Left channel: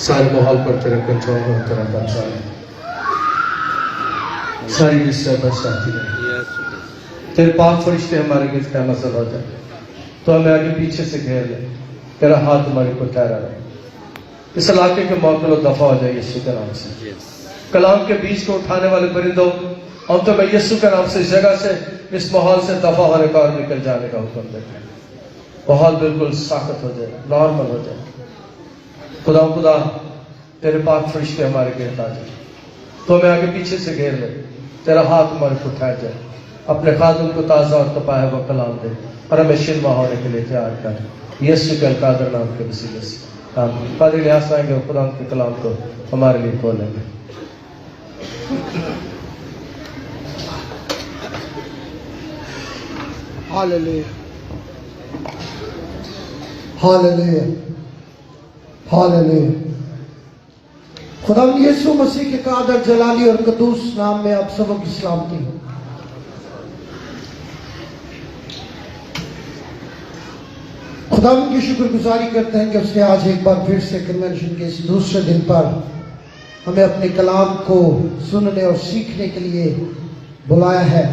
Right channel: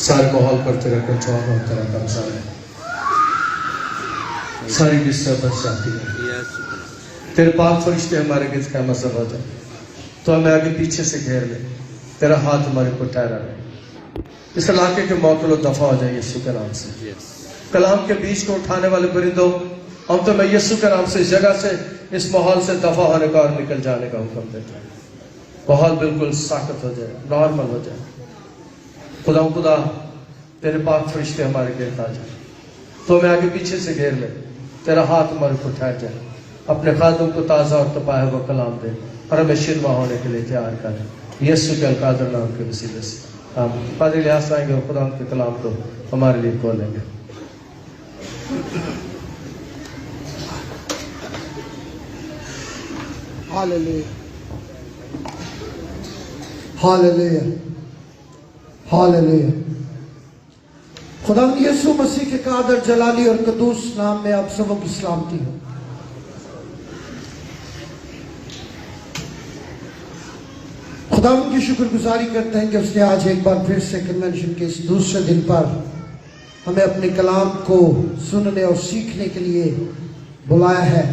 سارے ماحول پر تیرا کنٹرول اور تیرا قبضہ ہے. ساری ڈسٹربنس چاہتی ہے. تیرے پاک فرشتے ہمارے گرد قیامت سے ہو جائے تو ہمیں آگے پیچھے سے گھیر لے. تیرا ہاتھ ہمارے اوپر ٹھہرا رہے. اس علاقے کے معطل و دفع ہو جائے یسوع کے نام سے. کلام کے بیچ کو اٹھانے والے پرندوں اور تو میں یسوع کے نام سے اس جگہ سے اس ماحول سے دفع ہونے کا اور نکل جانے کا حکم دیتا ہوں. ماحول بالکل ساکت ہو جائے, نارمل ہو جائے. خدا تیرے پاک فرشتے ہمارے گرد آ جائے تو ہمیں آگے پیچھے سے گھیر لے. تیرا ہاتھ ہمارے کو ٹھہر جائے. اپنے خادم کو تازہ اور تپایا ہوا کلام دے اور ہمیں شرما ہونے کے لیے تیار کر. یسوع کے القادر نام کے وسیلے سے آمین. قادر لحاظ آئیں گے اور خدا کے کلام کو ہمارے لیے کھولیں گے. ہاللیلویا ہاللیلویا ہاللیلویا. خدا یسوع مسیح کے قادر جلالی اور قدوس نام میں آپ سبوں کی سلامتی ہو. خدا ان کی شکر گزاری کرتے ہیں کہ اس نے آج ایک بار پھر سے کنونشن کے اس دوسرے دن پر ہمیں اپنے کلام کو سننے اور سیکھنے کے لیے بلایا ہے.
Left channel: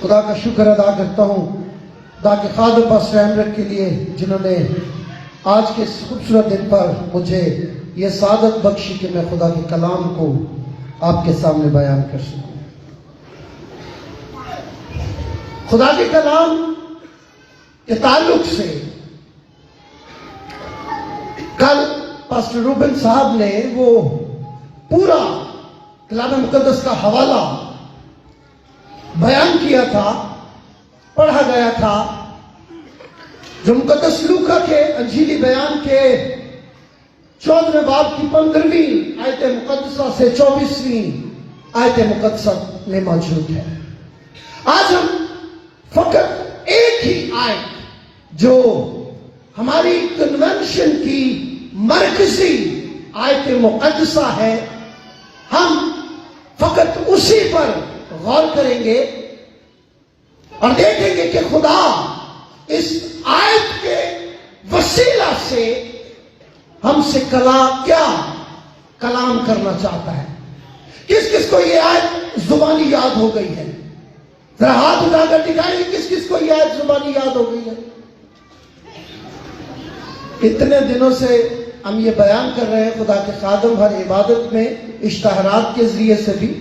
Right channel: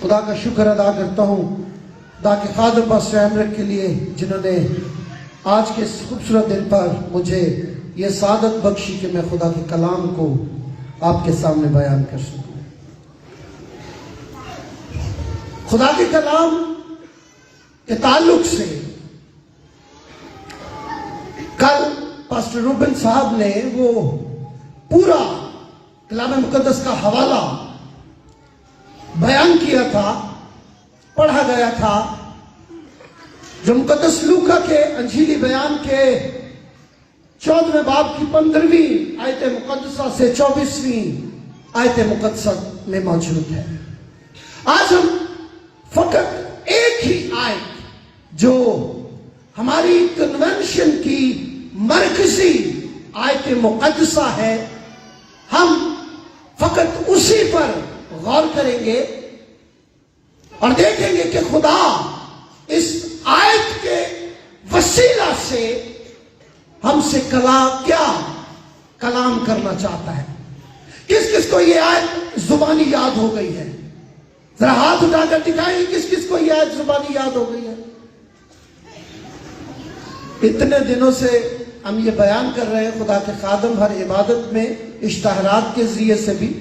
خدا کا شکر ادا کرتا ہوں خدا کے خادم پاسٹر امرت کے لیے جنہوں نے آج کے اس خوبصورت دن پر مجھے یہ سعادت بخشی کہ میں خدا کے کلام کو آپ کے سامنے بیان کر سکوں. خدا کے کلام کے تعلق سے کل پاسٹر روبن صاحب نے وہ پورا کلام مقدس کا حوالہ بیان کیا تھا, پڑھا گیا تھا, جو مقدس لوکا کے انجیلی بیان کے 14ویں باب کی 15ویں آیت مقدسہ سے 24ویں آیت مقدسہ میں موجود ہے. آج ہم فقط ایک ہی آیت جو ہماری کنونشن کی مرکزی آیت مقدسہ ہے, ہم فقط اسی پر غور کریں گے اور دیکھیں گے کہ خدا اس آیت کے وسیلہ سے ہم سے کیا کلام کرنا چاہتا ہے. کس کس کو یہ آیت زبانی یاد ہو گئی ہے؟ ذرا ہاتھ اٹھا کر دکھائیں کس کس کو یہ آیت زبانی یاد ہو گئی ہے. اتنے دنوں سے ہم یہ بیان کر رہے ہیں. خدا کے خادم ہر عبادت میں اشتہارات کے ذریعے سے بھی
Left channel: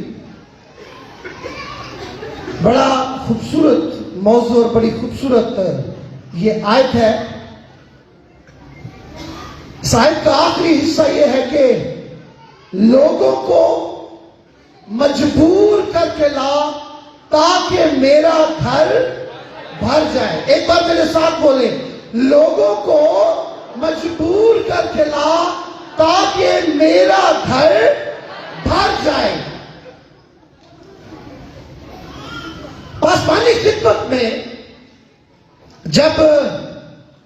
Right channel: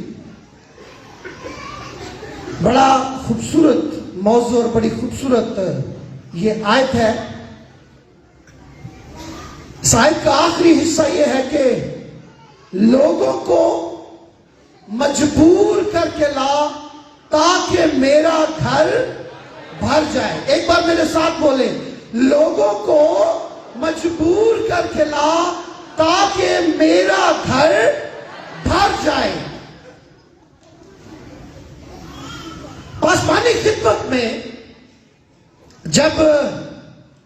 بڑا خوبصورت موضوع اور بڑی خوبصورت یہ آیت ہے. اس آیت کا آخری حصہ یہ ہے کہ لوگوں کو مجبور کر کے لا تاکہ میرا گھر بھر جائے. ایک بار میرے ساتھ بولیں, لوگوں کو مجبور کر کے لا تاکہ میرا گھر بھر جائے. پاسبانی خدمت میں جب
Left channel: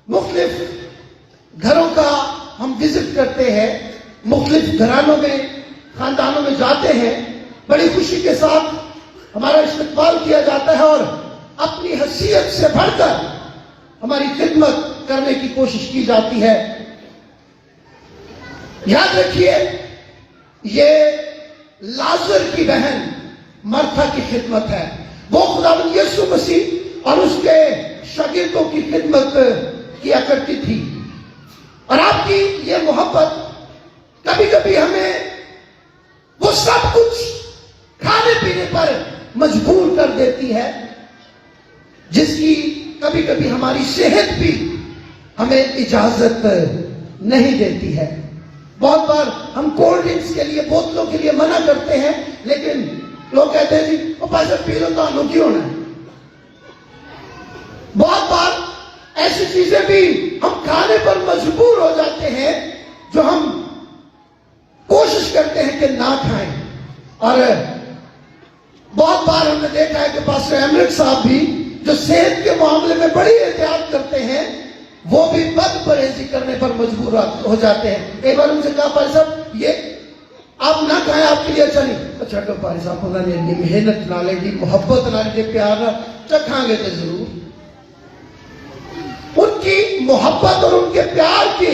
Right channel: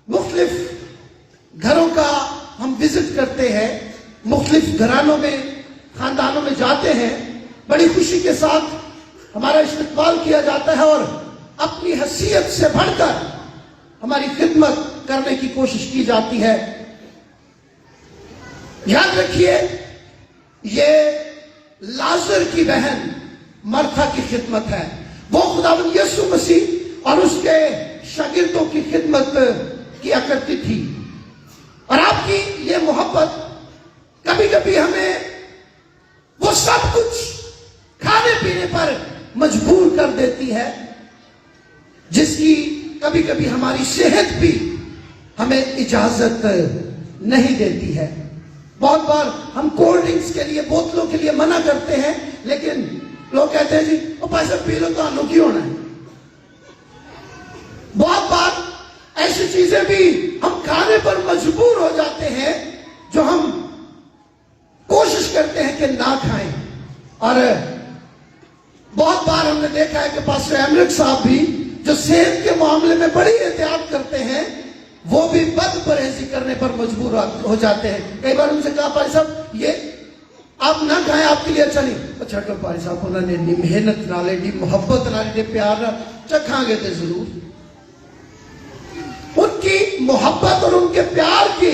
مختلف گھروں کا ہم وزٹ کرتے ہیں, مختلف گھرانوں میں خاندانوں میں جاتے ہیں, بڑی خوشی کے ساتھ ہمارا استقبال کیا جاتا ہے اور اپنی حیثیت سے بڑھ کر ہماری خدمت کرنے کی کوشش کی جاتی ہے. یاد رکھیے یہ لازر کی بہن مرتھا کی خدمت ہے. وہ خداوند یسوع مسیح اور اس کے شاگردوں کی خدمت کیا کرتی تھی. اور آپ کی یہ محبت کبھی کبھی ہمیں وہ سب کچھ کھانے پینے پر مجبور کر دیتی ہے جس کی کبھی کبھی ہماری صحت بھی ہمیں اجازت نہیں دیتی ہے. بہت بار ہم کولڈ ڈرنکس کے لیے, بوتلوں کے لیے منع کرتے ہیں, لیکن لوگ کہتے ہیں جی وہ پیسہ پی لو تو آلو کیوں ہے. بہت بار ایسی چیزیں بھی ہم کھانے پر مجبور ہو جاتے ہیں جو ہم کوشش کرتے ہیں کہ نہ کھائیں. اور بہت بار ہم نے دیکھا ہے کہ پاسٹر امرت صاحب بھی جو صحت کے معاملے میں بڑی احتیاط کرتے ہیں وہ بھی بد پرہیزی کرنے پر مجبور ہو جاتے ہیں. ایک بار ان سے کہا بھائی صاحب یہ آپ نہ کھائیں, آپ کے لیے اچھا نہیں. اچھا تو بھائی صاحب انہوں نے محنت نہ لے دی, محبت نہ لے, پیار نہ چکھاں گے تو ضرور. ان کی محبت اور ان کے پیار کے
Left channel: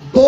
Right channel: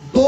2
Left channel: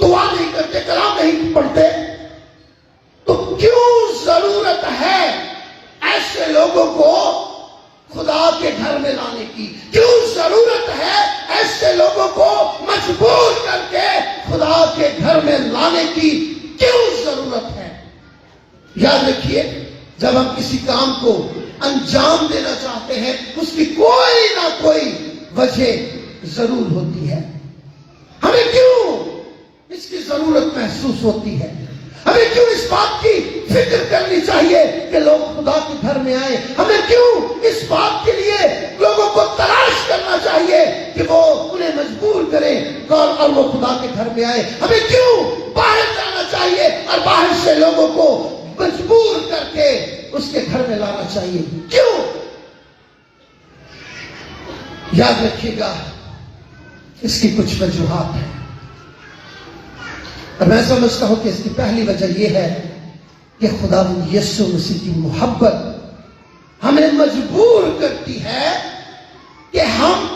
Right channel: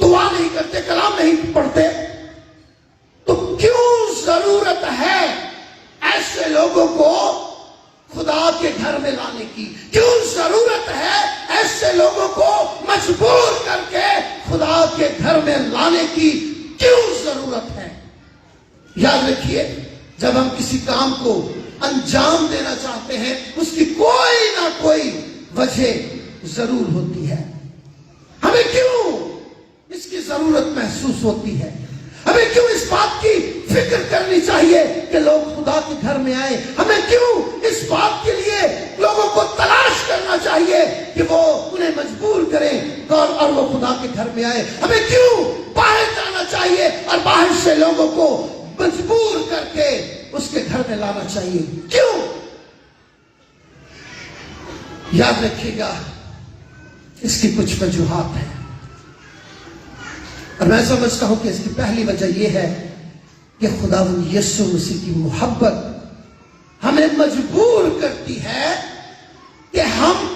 دعا نہیں کرتے, کلام نہیں پڑھتے, تو کیوں ضرورت ہے ایسے لوگوں کو خدا کے گھر میں لانے کی؟ کیوں ضرورت ہے ایسے لوگوں کو مجبور کر کے خدا کے گھر میں لانے کی کیوں ضرورت ہے؟ یاد رکھیے, جب ہم کسی کام کو انجام دینا چاہتے ہیں اس کی کوئی نہ کوئی وجہ ضرور ہوتی ہے. ہمیں کیوں اس کی ضرورت محسوس ہوتی ہے؟ ہمیں کیوں اس بات کی فکر کرنی چاہیے کہ لوگ خدا کے گھر میں آئیں؟ ہمیں کیوں اس بات کے لیے لوگوں کو تلاش کرنا چاہیے کہ وہ انہیں مجبور کریں اور وہ خدا کے گھر میں آئیں؟ ہمیں کیوں باہر جانا چاہیے اور باہر سے لوگوں کو مجبور کر کے اس کے گھر میں لانا چاہیے؟ کیوں؟ یاد رکھیے گا, اس کی کچھ وجوہات ہیں, اور میں سمجھتا ہوں کہ اس کی پہلی وجہ یہ ہے کہ خداوند یسوع مسیح کی محبت ہمیں مجبور کرتی ہے کہ ہم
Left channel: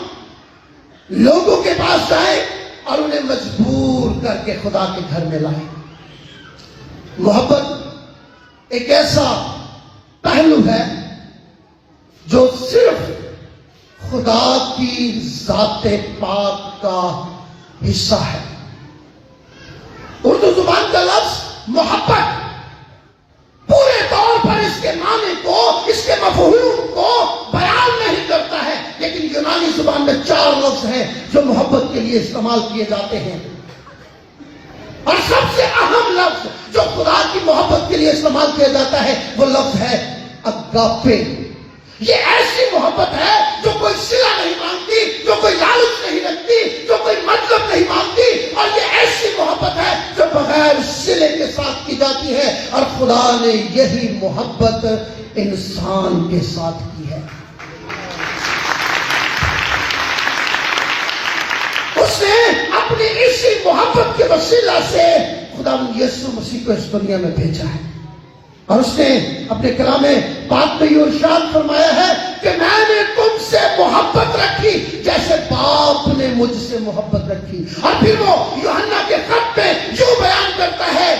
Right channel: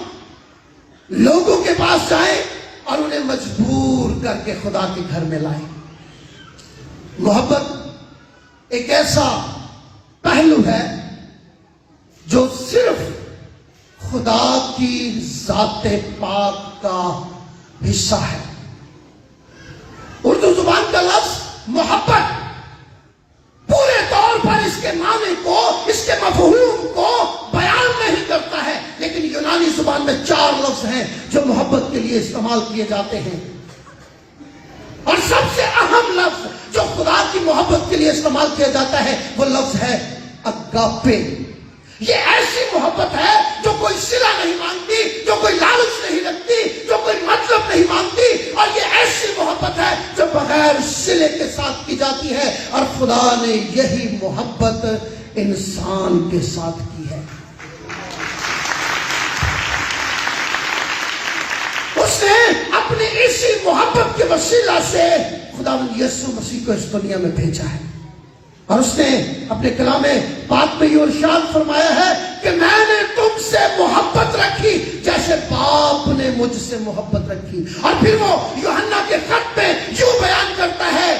لوگوں کے پاس جائیں اور انہیں مجبور کر کے خدا کے گھر میں لائیں. محبت ایک ایسا پہلو ہے جو صرف خدا کی ذات پاک کا حصہ ہے. اردو زبان کا لفظ محبت پورے طور پر اس کے معنی کو, اس کے مفہوم کو بیان نہیں کرتا ہے, لیکن یونانی زبان میں 4 لفظ ہیں جو محبت کے لیے استعمال کیے جاتے ہیں, اور سب سے اہم لفظ جو خدا کی محبت کے لیے استعمال کیا جاتا ہے وہ لفظ ہے اگاپے. یہ ایسی محبت ہے جو کوئی صلہ نہیں مانگتی, جو کوئی لالچ نہیں رکھتی, جو کوئی مطلب نہیں مانگتی, اور یہ ایسی محبت ہے جو بغیر صلے کے ساتھ کی جاتی ہے, اور خدا نے یہی محبت انسان کے ساتھ کی ہے. اس نے اپنی اسی محبت کے وسیلہ سے خداوند یسوع مسیح کو اس دنیا میں بھیجا ہے, اور اس نے اپنے کلام پاک میں یہ ارشاد فرمایا ہے کہ میں نے تم سے محبت رکھی جیسے باپ نے مجھ سے محبت رکھی. اور پھر وہ یوحنا کے خط میں یوں بیان کرتا ہے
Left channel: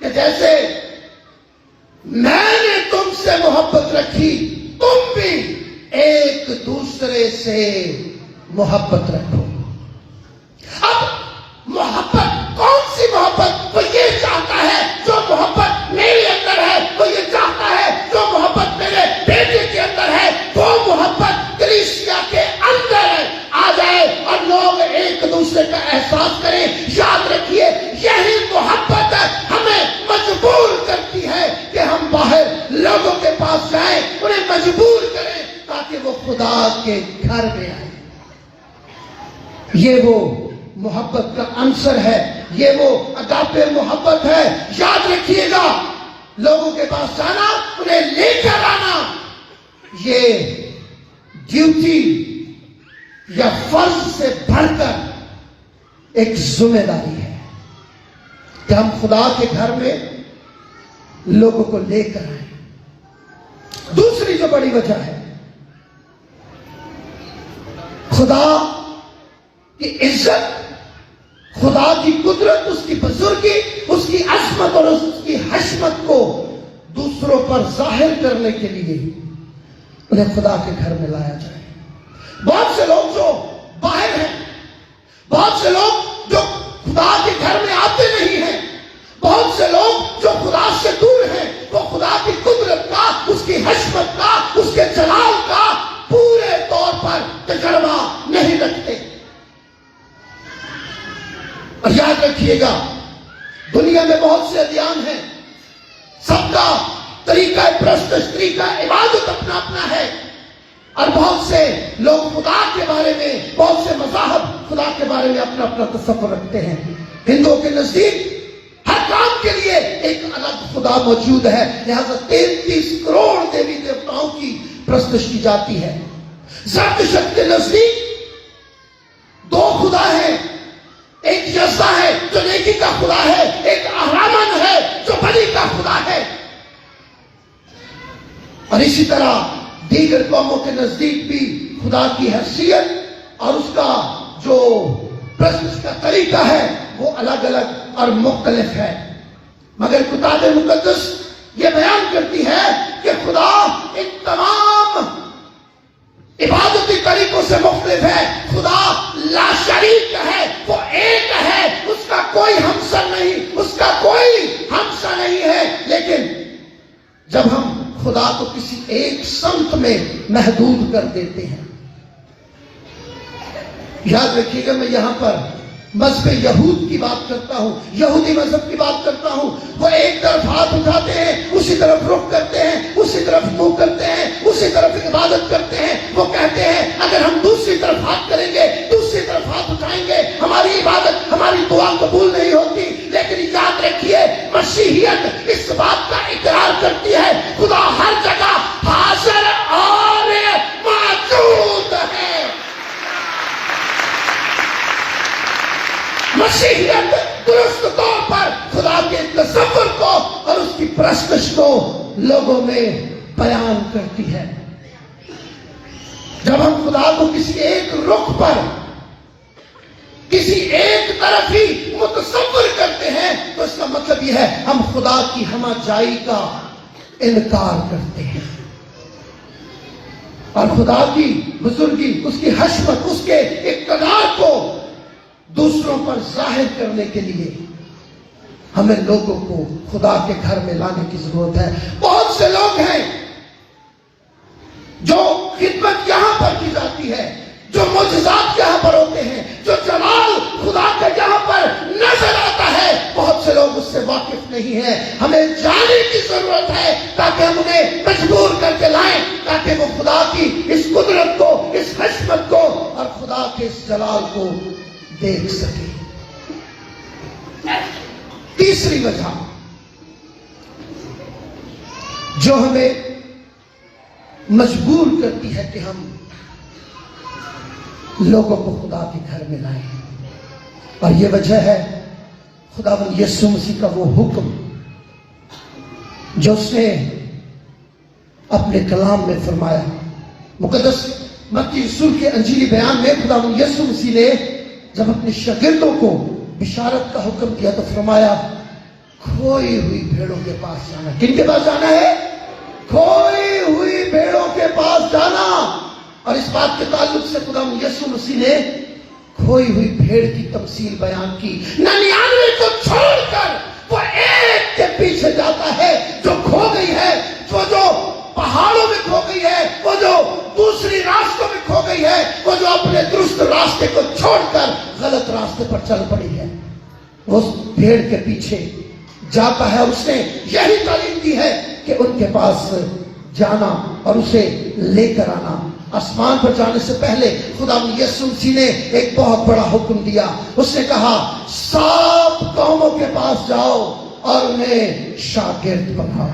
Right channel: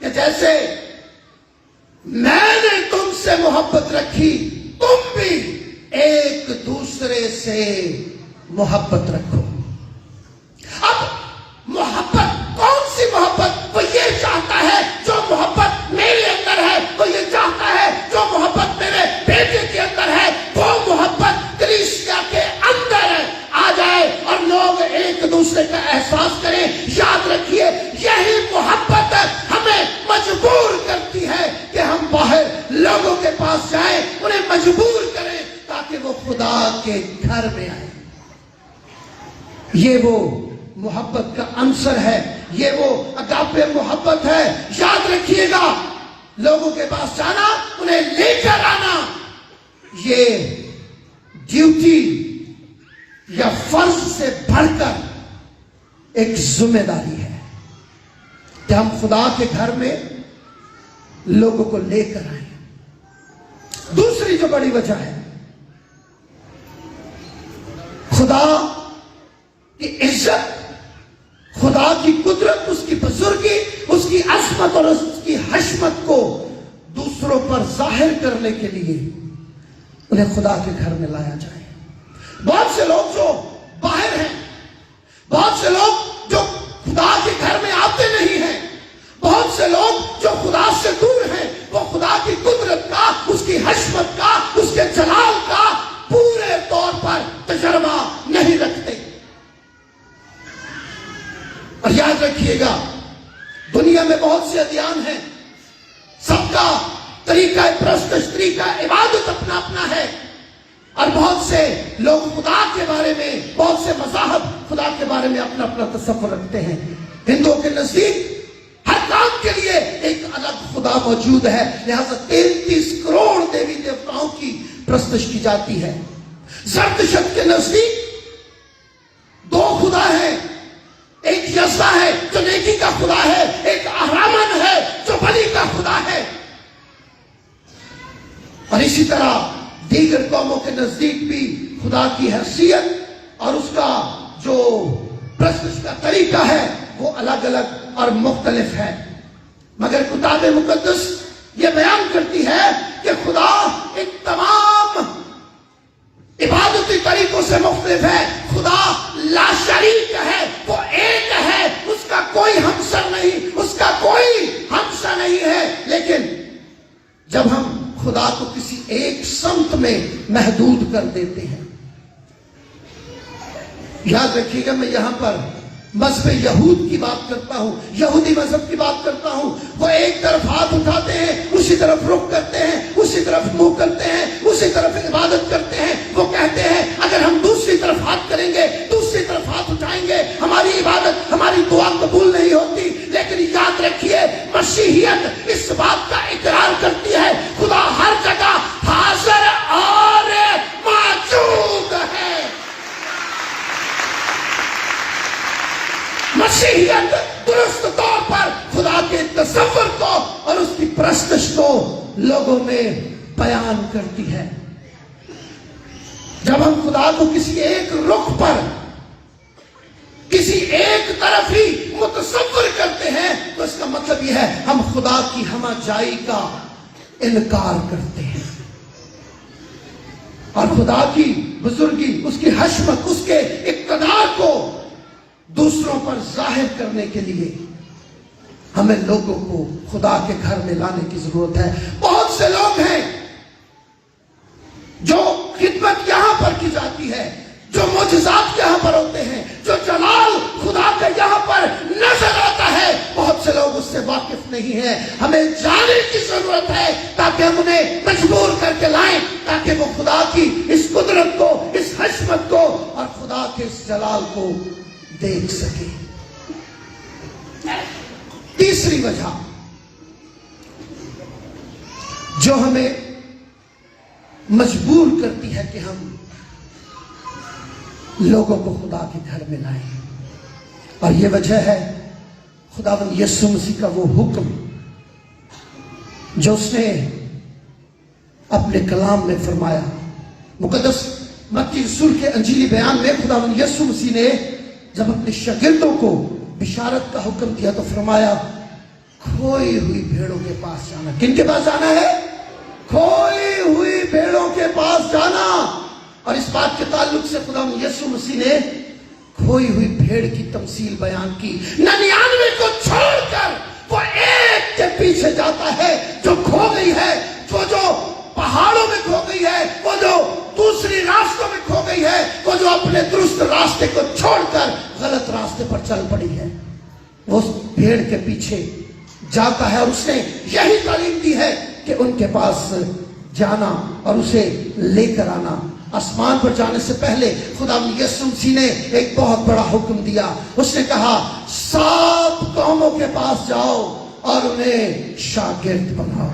کہ جیسے میں نے تم سے محبت رکھی تم بھی ایک دوسرے سے محبت رکھو. اب محبت کون سی محبت؟ وہ یہ چاہتا ہے جو محبت میرے اندر ہے, وہ یہ چاہتا ہے جو محبت میرے بیٹے کے اندر ہے, وہ محبت کلیسیا کے اندر آ جائے اور لوگ ایک دوسرے کا احساس کریں. یاد رکھیے, یہی محبت ہمیں مجبور کرتی ہے کہ ہم باہر لوگوں کے پاس جائیں, انہیں مجبور کریں تاکہ وہ خدا کے گھر میں آئیں. یہ وہ محبت کا عنصر ہے, یہ وہ اگاپے محبت ہے. یاد رکھیے گا, لوگوں کے پاس جانا, انہیں لے کر آنا, یہ ڈیوٹی یا فرض سے بڑھ کر ایک ذمہ داری ہے کہ ہم خدا کے گھر میں لوگوں کو لے کر آئیں. دوسری جو بڑی وجہ ہے, خدا کی عزت, خدا کی قدرت, اس کی بزرگی, اس کی عظمت اور اس کی حشمت کو دوسروں پر ظاہر کرنے کے لیے انہیں خدا کے گھر میں لایا جائے. بہت سے لوگ جو باہر ہیں, بہت سے لوگ جو خدا کے گھر میں آتے نہیں ہیں, بہت سے لوگ جو خدا سے دور ہیں, وہ خدا کی قدرت کا, اس کی حشمت کا, اس کے جلال کا پورے طور پر تجربہ نہیں رکھتے. اور یاد رکھیے گا, دنیا میں بہت سے ادیان ہیں, سب کا طریقہ پرستش, طریقہ عبادت اپنا اپنا ہے, اور بہت سے لوگ خدا کے بارے میں, بہت سے مذاہب خدا کے بارے میں اپنا اپنا تصور رکھتے ہیں. ہندوؤں کے نزدیک ہر کام کے لیے ایک الگ خدا موجود ہے, لہذا 33 کروڑ دیوی دیوتاؤں کی پرستش کی جاتی ہے. زرتشت کے نزدیک 2 خدا ہیں, ایک یزدا ہے جو نیکی کا خدا ہے, ایک اہرامن ہے جو بلی کا خدا ہے. اور اسی طرح دیگر قوموں کے نزدیک بھی خدا کی حیثیت اور اس کا جو الگ الگ اور مختلف ہے، مگر کتاب مقدس یہ بیان کرتی ہے کہ خدا ان تمام عبادتی طریقوں سے مختلف ہے۔ خدا لا شریک ہے، وہ ایک ہے، اس کا کوئی ہمسر نہیں، اس کا کوئی ہمسر نہیں ہے۔ لیکن جب ہم خدا کو کسی ایک سمت میں محدود کر دیتے ہیں، یاد رکھیے گا میں یہاں پر مذہب یہود کی بات کرتا ہوں، یہودی مذہب کی بات کرتا ہوں، وہ ایک طرف ہاتھ اٹھاتے ہیں، اسی طرف رخ کرتے ہیں، اسی طرف منہ کرتے ہیں، اسی طرف عبادت کرتے ہیں۔ وہ کہتے ہیں اگر ہم دوسری طرف ہاتھ کریں گے، دوسری طرف ہاتھ اٹھائیں گے، ہماری عبادت، ہماری دعا قبول نہیں ہوتی۔ لیکن یاد رکھیے مسیحیت اس بات کا اقرار کرتی ہے خدا ہر جگہ حاضر اور موجود ہے۔ مسیحیت درست طور پر خدا کے تصور کو اور اس کی پرستش کو لوگوں میں بیان کرتی ہے۔ جب ہم خدا کو کسی ایک رخ پر، کسی ایک طرف ہی متصور کرتے ہیں تو اس کا مطلب یہ ہے ہم خدا کی ہمہ جائی کا انکار کرتے ہیں، اور خدا کی بزرگی، اس کی حشمت، اس کے اقتدار کو دوسروں پر ظاہر کرنے کے لیے ہمیں لوگوں کو خدا کے گھر میں لانے کی ضرورت ہے۔ بہت سے لوگ ہیں جو خدمت یہاں پر کی جاتی ہے، جو معجزات یہاں پر ہوتے ہیں، جو جلال خدا کا یہاں پر نظر آتا ہے، بہت سے لوگ اس سے واقف نہیں ہیں۔ ہمیں جانے کی ضرورت ہے تاکہ ہم انہیں مجبور کر کے لائیں، تاکہ وہ خدا کی اس قدرت کو، اس حشمت کو اور خدا کے اس جلال کو دیکھ سکے۔ تیسری وجہ جو ہمیں مجبور کرتی ہے کہ ہم لوگوں کو خدا کے گھر میں لائیں، اور یہ وجہ ہے خداوند یسوع مسیح کا وہ حکم جو اس نے اپنے کلام میں فرمایا۔ مقدس متی رسول کے انجیلی بیان میں خداوند یسوع مسیح نے جب اپنے شاگردوں کو بشارت کا حکم دیا تو فرمایا کھوئی ہوئی بھیڑوں کے پاس جانا۔ کن کے پاس جانا ہے؟ کھوئی ہوئی بھیڑوں کے پاس جانا۔ اور اس بات کے تعلق سے خداوند یسوع مسیح نے کھوئی ہوئی بھیڑ کی تمثیل بیان کی۔ 99 کو چھوڑ کر وہ ایک کے پیچھے جاتا ہے جو کھو گئی ہے، جو پہاڑوں میں کھو گئی ہے، وہ جو دوسری راستوں میں کھو گئی ہے، وہ جو اپنے درست راستے کو چھوڑ کر غلط راستے پر چل پڑی ہے، وہ اس بھیڑ کے پیچھے جاتا ہے۔ اور اس نے یہی تعلیم دی ہے کہ ان کے پاس جانا اور اسے لے کر آنا۔ آسمان پر جانے سے پہلے خداوند یسوع مسیح نے ایک بہت بڑا حکم دیا۔ اس نے کہا 7 قوموں کے پاس جاؤ اور انہیں شاگرد بناؤ۔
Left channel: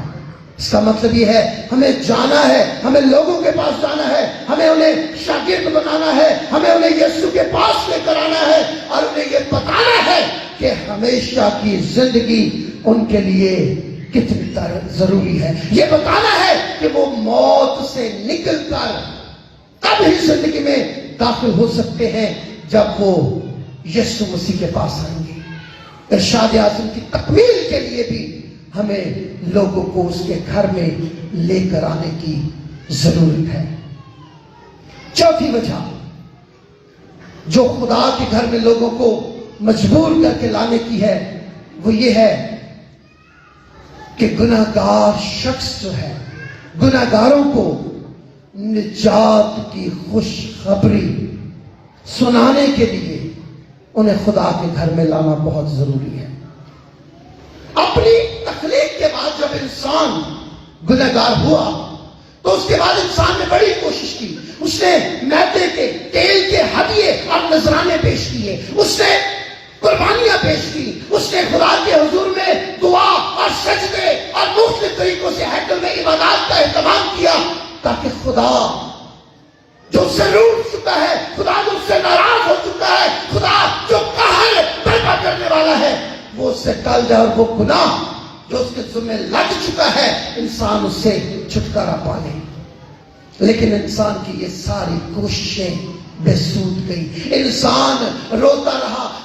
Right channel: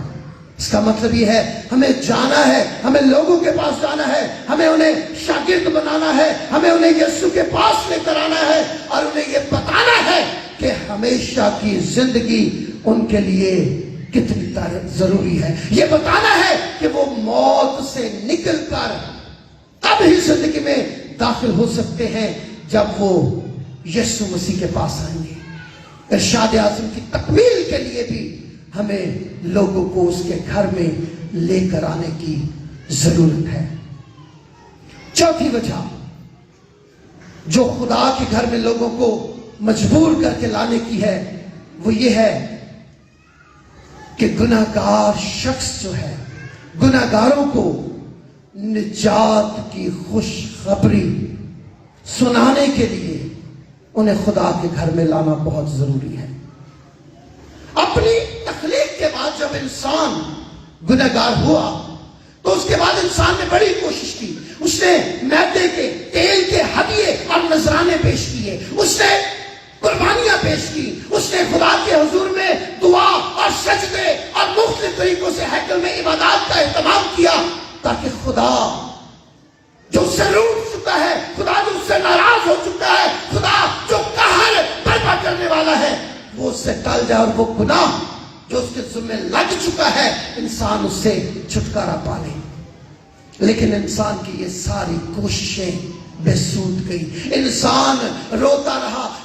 اس کا مطلب یہ ہے ہمیں جانا ہے، ہمیں لوگوں کے پاس جانا ہے، ہمیں انہیں شاگرد بنانا ہے، ہمیں انہیں یسوع کے پاس لے کر آنا ہے، اور انہیں یہ بتانا ہے کہ ہمیشہ کی زندگی ان کے لیے کتنی ضروری ہے۔ یہ بتانا ہے کہ وہ موت سے نکل کر تب ہی زندگی میں داخل ہو سکتے ہیں جب وہ یسوع مسیح کے پاس آئیں گے۔ ارشاد اعظم کی تکمیل کے لیے بھی ہمیں لوگوں کو اس کے گھر میں لے کر آنے کی ضرورت ہے۔ چوتھی وجہ جو خدا کے گھر میں لوگوں کو مجبور کر کے لانے کی ہے وہ یہ ہے کہ گناہگار شخص جو ہے، گناہگاروں کو نجات کی خوشخبری سنانے کے لیے انہیں خدا کے گھر میں لانا بہت ضروری ہے۔ اپنی تخلیق کے بعد جب انسان گنہگار ہوا تو اس کے بعد انسان نے بڑی کوشش کی۔ اس نے میدے کے، تیل کے ہدیے اور نذرانے پیش کیے، اس نے قربانیاں پیش کی، اس نے خدا کے حضور میں دعا اور سجدے اور مختلف طریقوں سے ہیکل میں عبادات کا اہتمام کیا تاکہ خدا جو اس سے روٹھ چکا ہے، خدا جو اس سے ناراض ہو چکا ہے، خدا جو قہر برپا کرنے والا ہے، وہ اس سے ٹل جائے اور وہ گناہ جو اس کے ذمہ لگ چکا ہے انسان اس سے چھٹکارا پا لے۔ لیکن انسان کی یہ ساری کوششیں بے سود گئی۔ انسان روتا رہا،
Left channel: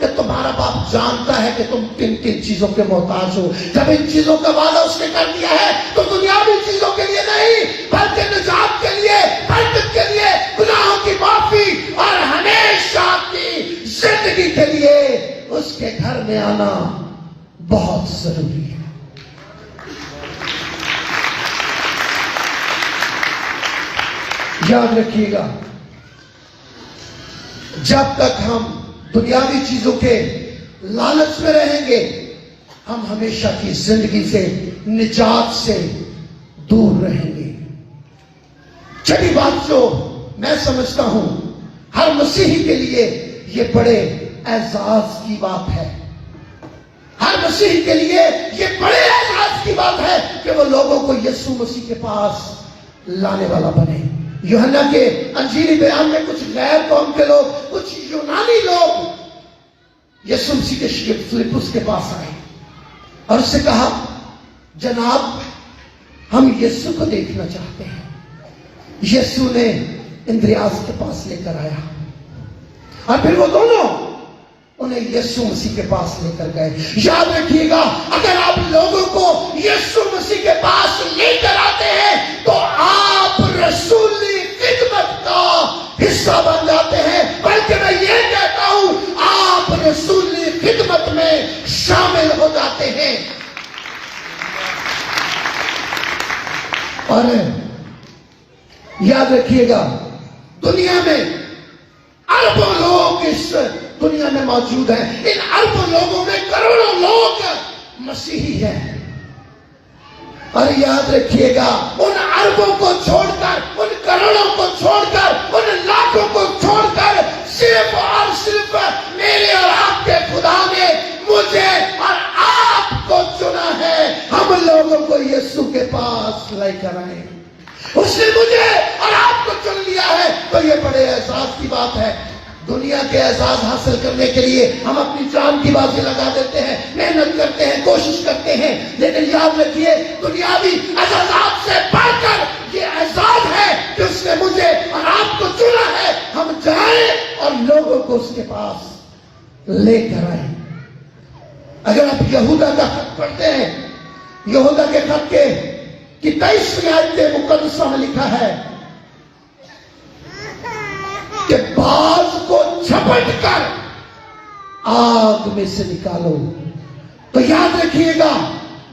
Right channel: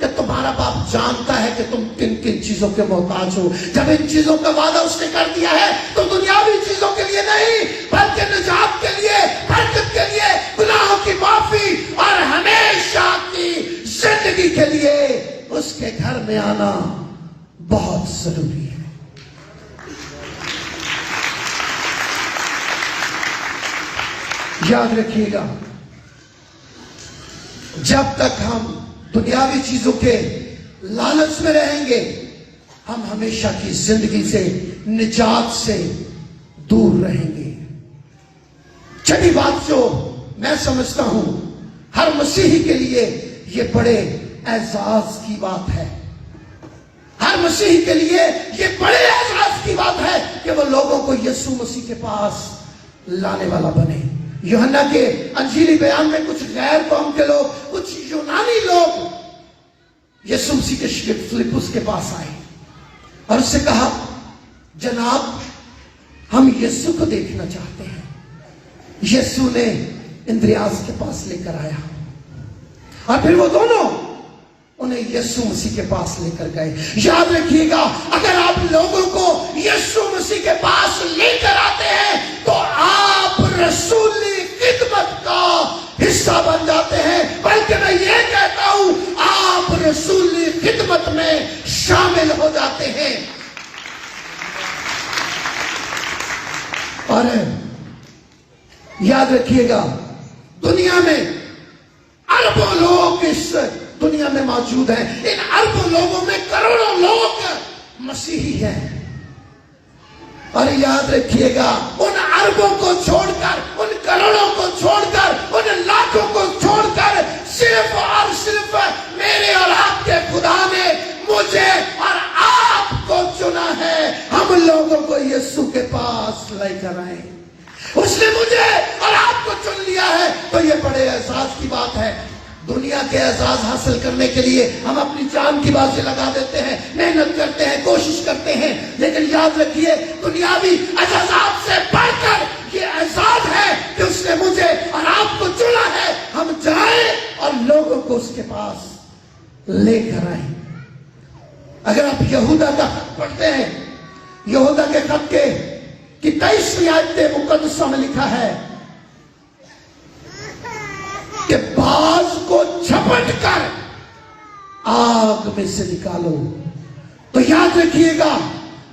کہ تمہارا باپ جانتا ہے کہ تم کن کن چیزوں کے محتاج ہو. جب ان چیزوں کا وعدہ اس نے کر دیا ہے تو دنیاوی چیزوں کے لیے نہیں بلکہ نجات کے لیے, برکت کے لیے, گناہوں کی معافی اور ہمیشہ کی زندگی کے لیے اس کے گھر میں آنا بہت ضروری ہے. یاد رکھیے گا, جب تک ہم دنیاوی چیزوں کے لالچ میں رہیں گے ہم ہمیشہ کی زندگی سے, نجات سے دور رہیں گے. چھٹی بات جو میں سمجھتا ہوں ہر مسیحی کے لیے یہ بڑے اعزاز کی بات ہے. ہر مسیحی کے لیے یہ بڑے اعزاز کی بات ہے کہ وہ لوگوں کو یسوع مسیح کے پاس لانے والا بنے. یوحنا کے انجیلی بیان میں کچھ غیر قوم کے لوگ, کچھ یونانی لوگ یسوع مسیح کے شاگرد فلپس کے پاس آئے اور اس سے کہا, جناب ہم یسوع کو دیکھنا چاہتے ہیں. یسوع نے اندریاس کے پاس لے کر آیا اور پھر وہ دونوں انہیں یسوع مسیح کے پاس لے کر گئے. یاد رکھیے گا, اگر آپ لوگوں کو یسوع مسیح کے پاس لے کر آتے ہیں تو آپ رسولی خدمت کا حصہ بن جاتے ہیں. بلکہ میں یہ کہتا ہوں آپ رسولی خدمت میں شامل ہو جاتے ہیں. اور یاد رکھیے گا, دنیا میں اربوں لوگ اس دنیا میں موجود ہیں. ان اربوں لوگوں میں کروڑوں لوگ مسیحی ہیں. اور یاد رکھیے گا, ان اربوں کو چھوڑ کر, ان کروڑوں کو چھوڑ کر, ان لاکھوں کو چھوڑ کر صرف اور صرف میرے اور آپ کے خدا نے مجھے اور آپ کو چنا ہے. ہم لوگوں کو یسوع کے پاس لے کر آئے. اس نے مجھے اور آپ کو چن لیا ہے. تو یہ بڑے احساس کی بات ہے. دنیا کے اعزاز حاصل کرنے کے لیے ہم اپنی جان کی بازی لگا دیتے ہیں, محنت کرتے ہیں, کوشش کرتے ہیں. لیکن یاد رکھیے, دنیاوی اعزازات سے بڑھ کر یہ اعزاز ہے کہ اس نے مجھے اور آپ کو چنا ہے. ہم جائیں اور لوگوں کو اس کے پاس لے کر آئیں. اگر آپ یہودا کا خط پڑھتے ہیں, یہودا کے خط کے 23ویں آیت مقدسہ میں لکھا ہے کہ باز کو جھپٹ کر آگ میں سے نکالو. تو یاد رکھیے گا,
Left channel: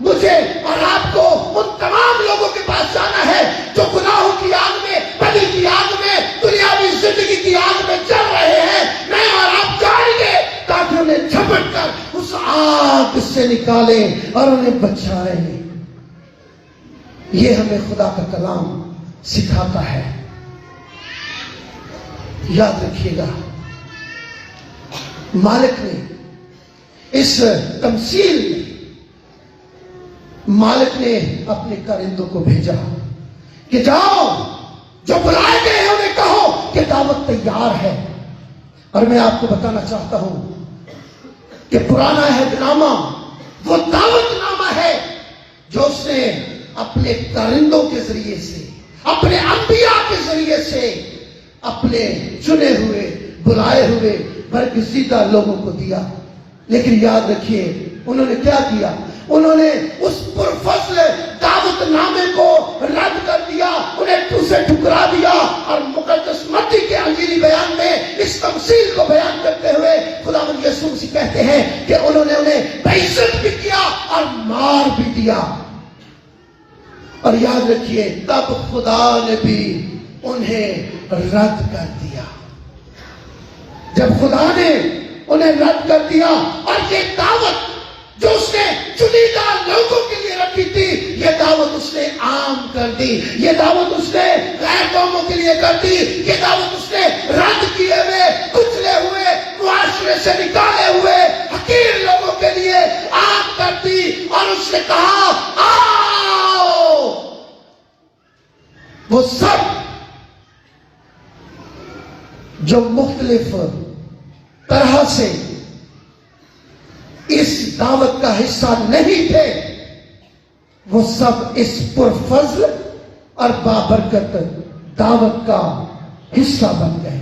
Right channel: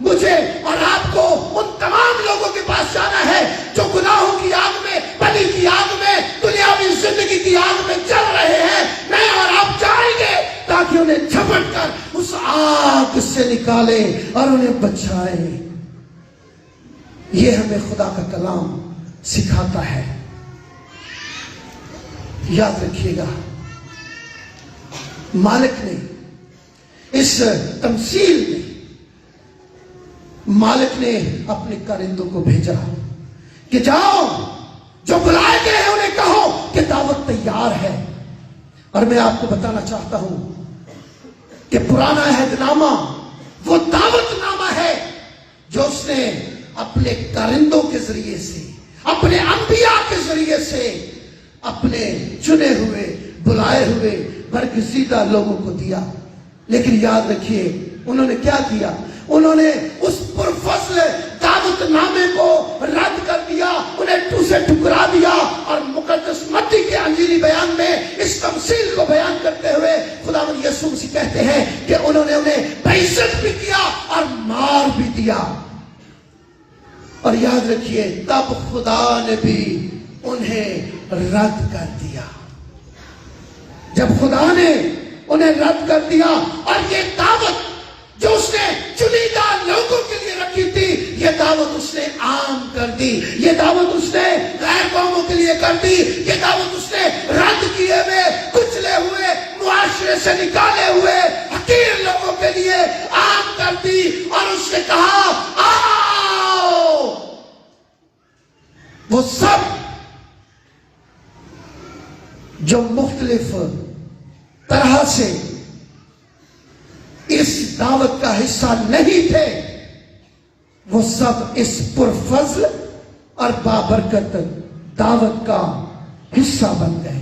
مجھے اور آپ کو ان تمام لوگوں کے پاس جانا ہے جو گناہوں کی آگ میں, بدی کی آگ میں, دنیاوی زندگی کی آگ میں چل رہے ہیں. میں اور آپ جائیں گے تاکہ انہیں جھپٹ کر اس آگ سے نکالیں اور انہیں بچائیں. یہ ہمیں خدا کا کلام سکھاتا ہے. یاد رکھیے گا, مالک نے اس تمثیل میں مالک نے اپنے کارندوں کو بھیجا کہ جاؤ, جو بلائے گئے ہیں انہیں کہو کہ دعوت تیار ہے. اور میں آپ کو بتانا چاہتا ہوں کہ پرانا عہد نامہ وہ دعوت نامہ ہے جو اس نے اپنے کارندوں کے ذریعے سے, اپنے انبیاء کے ذریعے سے اپنے چنے ہوئے, بلائے ہوئے برگزیدہ لوگوں کو دیا. لیکن یاد رکھیے, انہوں نے کیا کیا؟ انہوں نے اس پرفضل دعوت نامے کو رد کر دیا, انہیں اسے ٹھکرا دیا. اور مقدس متی کے انجیلی بیان میں اس تمثیل کو بیان کرتے ہوئے خداوند یسوع مسیح کہتے ہیں کہ انہوں نے انہیں بےعزت بھی کیا اور مار بھی دیا. اور یاد رکھیے, تب خدا نے بھی انہیں رد کر دیا. جب خدا نے انہیں رد کر دیا اور یہ دعوت جو اس نے چنیدہ لوگوں کے لیے رکھی تھی, یہ دعوت اس نے عام کر دی. یہ دعوت اس نے غیر قوموں کے لیے کر دی. یہ دعوت اس نے رد کیے ہوئے, کچلے ہوئے, معاشرے سے نکالے ہوئے حقیر لوگوں کے لیے عام کر دی. اور اس نے کہا آؤ. وہ سب جو مختلف طرح سے اس دعوت کا حصہ نہیں تھے, وہ سب اس پرفضل اور بابرکت دعوت کا حصہ بن گئے.